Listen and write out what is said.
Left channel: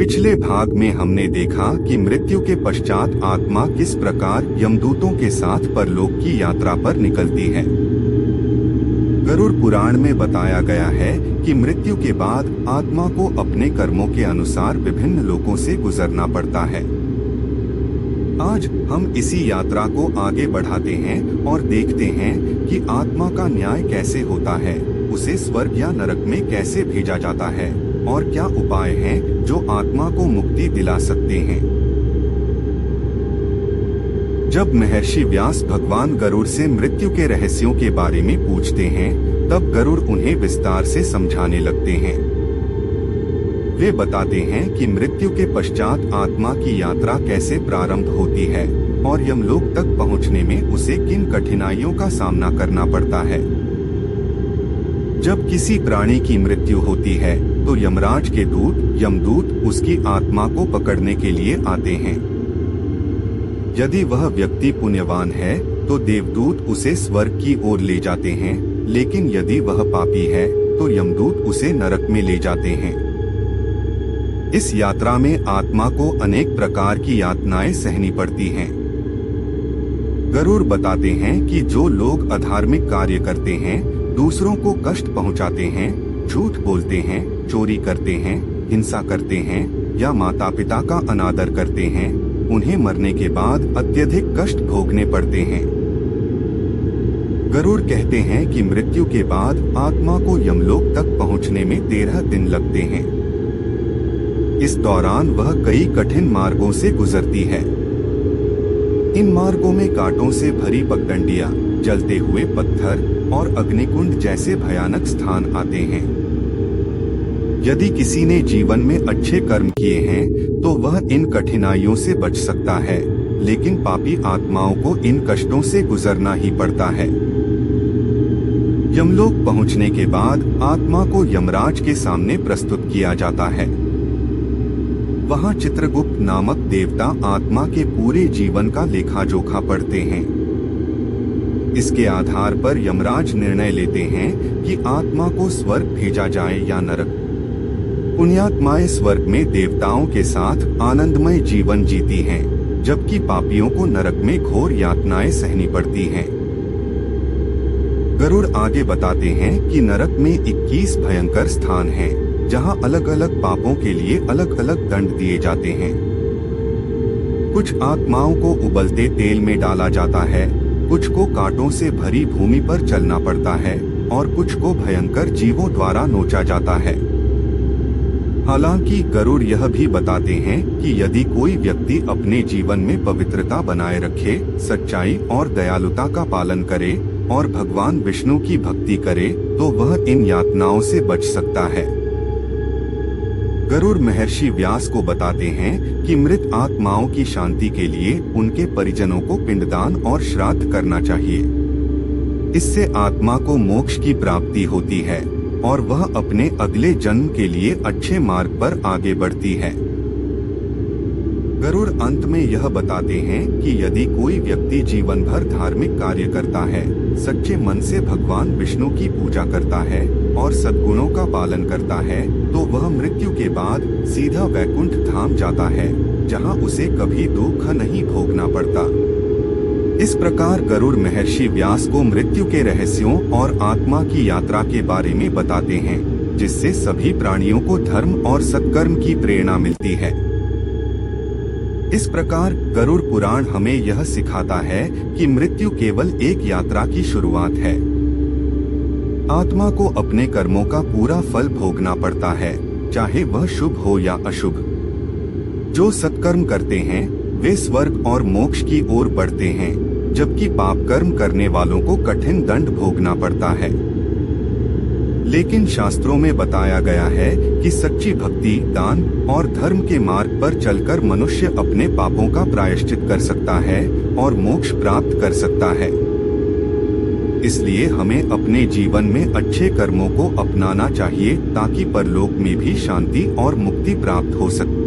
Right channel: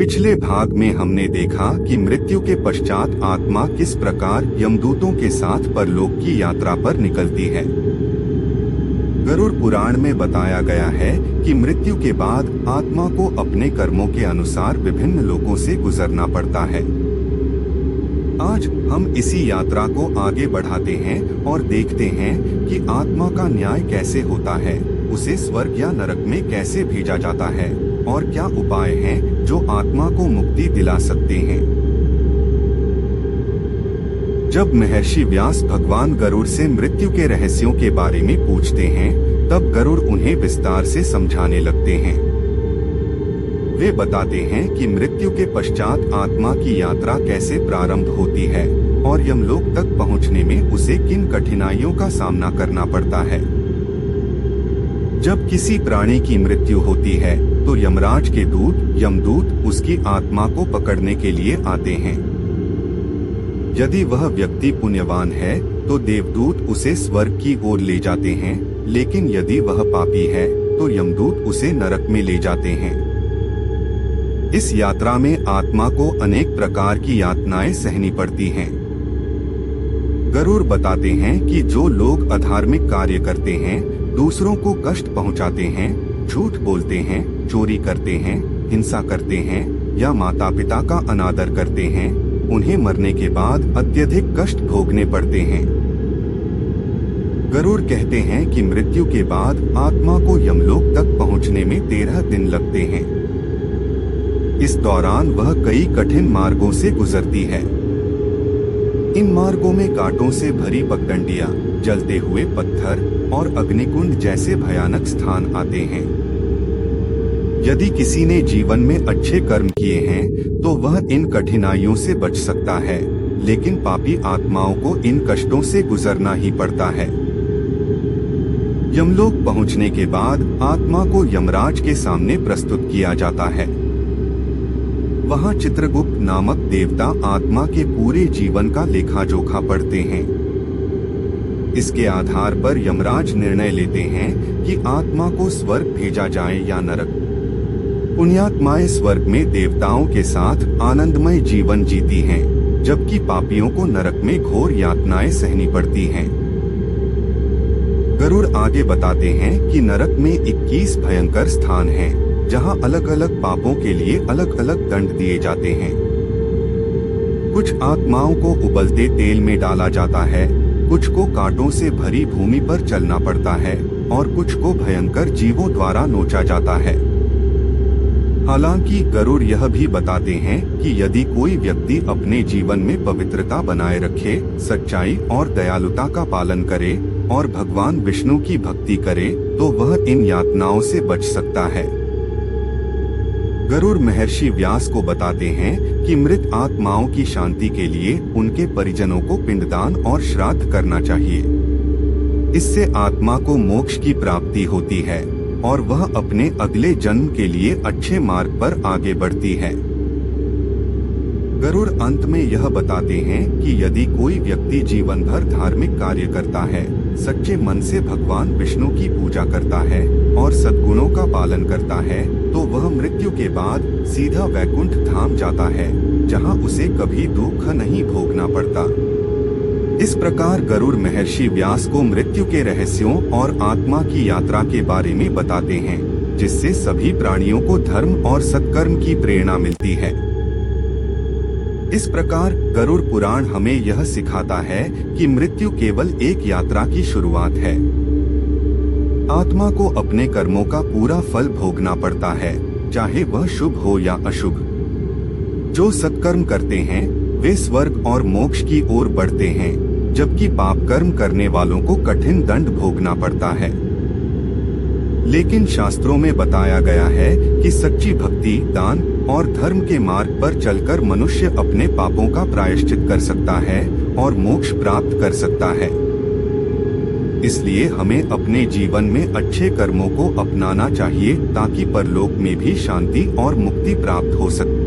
पिछले भाग में हमने देखा कि मृत्यु के पश्चात आत्मा किस प्रकार यमदूतों के साथ परलोक की यात्रा पर निकलती है। गरुड़ पुराण में बताया गया है कि मृत्यु के बाद आत्मा को अपने कर्मों के अनुसार विभिन्न लोकों से गुजरना पड़ता है। आज हम इसी यात्रा को आगे बढ़ाते हैं और देखते हैं कि आत्मा का न्याय कैसे होता है, उसे स्वर्ग या नरक में कैसे भेजा जाता है और क्या उपाय हैं जो आत्मा को मुक्ति दिला सकते हैं। जब महर्षि व्यास भगवान गरुड़ से मृत्यु के रहस्यों के बारे में पूछते हैं, तब गरुड़ उन्हें विस्तार से समझाने लगते हैं। वे बताते हैं कि मृत्यु के पश्चात आत्मा की यात्रा कैसे प्रारंभ होती है और यमलोक तक पहुंचने में उसे किन कठिनाइयों का सामना करना पड़ता है। जब किसी प्राणी की मृत्यु होती है तो यमराज के यमदूत उसकी आत्मा को पकड़ने के लिए आते हैं। यदि वह व्यक्ति पुण्यवान है तो देवदूत उसे स्वर्ग की ओर ले जाते हैं, लेकिन यदि वह पापी है तो यमदूत उसे नरक में ले जाते हैं। इस यात्रा में आत्मा को अनेक प्रकार की यातनाएं सहनी पड़ती हैं। गरुड़ बताते हैं कि जो लोग अधार्मिक कार्य करते हैं, दूसरों को कष्ट पहुंचाते हैं, झूठ बोलते हैं, चोरी करते हैं, हिंसा करते हैं या माता पिता का अनादर करते हैं, उन्हें मरने के बाद अत्यधिक कष्ट भोगने पड़ते हैं। गरुड़ कहते हैं कि मृत्यु के बाद आत्मा को यमलोक तक पहुंचने में 13 दिन लगते हैं। इस दौरान वह कई कठिन मार्गों से गुजरती है। इन मार्गों में कांटों से भरी पगडंडियां, जलते हुए पत्थर और अग्निकुंड जैसे भयानक स्थान आते हैं। यदि किसी ने जीवन में अच्छे कर्म किए हैं तो वह इन कठिनाइयों से बच सकता है, लेकिन पापी आत्माओं को इन कष्टों से गुजरना ही पड़ता है। यमलोक पहुंचने के बाद आत्मा को यमराज के सामने प्रस्तुत किया जाता है। वहां चित्रगुप्त नामक देवता आत्मा के पूरे जीवन का लेखा जोखा पढ़ते हैं। इसके आधार पर यमराज निर्णय लेते हैं कि आत्मा को स्वर्ग भेजा जाए या नरक। पुण्यात्माएं स्वर्ग में देवताओं के साथ आनंदमय जीवन जीती हैं, जबकि पापियों को नरक में घोर यातनाएं सहनी पड़ती हैं। गरुड़ आगे बताते हैं कि नरक में 21 भयंकर स्थान हैं, जहां अलग अलग पापों के लिए अलग अलग दंड दिए जाते हैं। कुछ आत्माओं को उबलते तेल में डाला जाता है, कुछ को कांटों से भरी भूमि पर चलना पड़ता है और कुछ को भयंकर जीवों द्वारा नोचा जाता है। हालांकि गरुड़ यह भी बताते हैं कि यदि कोई व्यक्ति अपने जीवन में पवित्रता बनाए रखे, सच्चाई और दयालुता का पालन करे और भगवान विष्णु की भक्ति करे तो वह इन यातनाओं से बच सकता है। गरुड़ महर्षि व्यास को बताते हैं कि मृत आत्माओं की शांति के लिए उनके परिजनों को पिंडदान और श्राद्ध करना चाहिए। इससे आत्मा को मोक्ष की प्राप्ति होती है और वह अपने अगले जन्म के लिए अच्छे मार्ग पर आगे बढ़ती है। गरुड़ अंत में यह बताते हैं कि यदि कोई व्यक्ति जीवन भर धार्मिक कार्य करता है, सच्चे मन से भगवान विष्णु की पूजा करता है और सद्गुणों का पालन करता है, तो वह मृत्यु के बाद सीधा वैकुंठ धाम जाता है, जहां उसे कभी दुख नहीं भोगना पड़ता। इस प्रकार गरुड़ महर्षि व्यास को मृत्यु के रहस्यों और आत्मा की यात्रा के बारे में बताते हैं, जिससे सभी प्राणियों को धर्म और सत्कर्म की प्रेरणा मिलती है। इस प्रकार गरुड़ पुराण हमें यह सिखाता है कि मृत्यु केवल एक यात्रा की शुरुआत है। आत्मा को अपने कर्मों का पूरा फल भोगना पड़ता है, चाहे वह शुभ हो या अशुभ। जो सत्कर्म करते हैं वे स्वर्ग और मोक्ष की ओर बढ़ते हैं, जबकि पाप कर्म करने वालों को कठिन दंड भोगना पड़ता है। लेकिन शास्त्रों में बताया गया है कि सच्ची भक्ति, दान और धर्म के मार्ग पर चलकर मनुष्य अपने पापों का प्रायश्चित कर सकता है और मोक्ष प्राप्त कर सकता है। इसलिए हमें अपने जीवन में अच्छे कर्मों को अपनाना चाहिए ताकि परलोक में भी शांति और मुक्ति प्राप्त हो सके।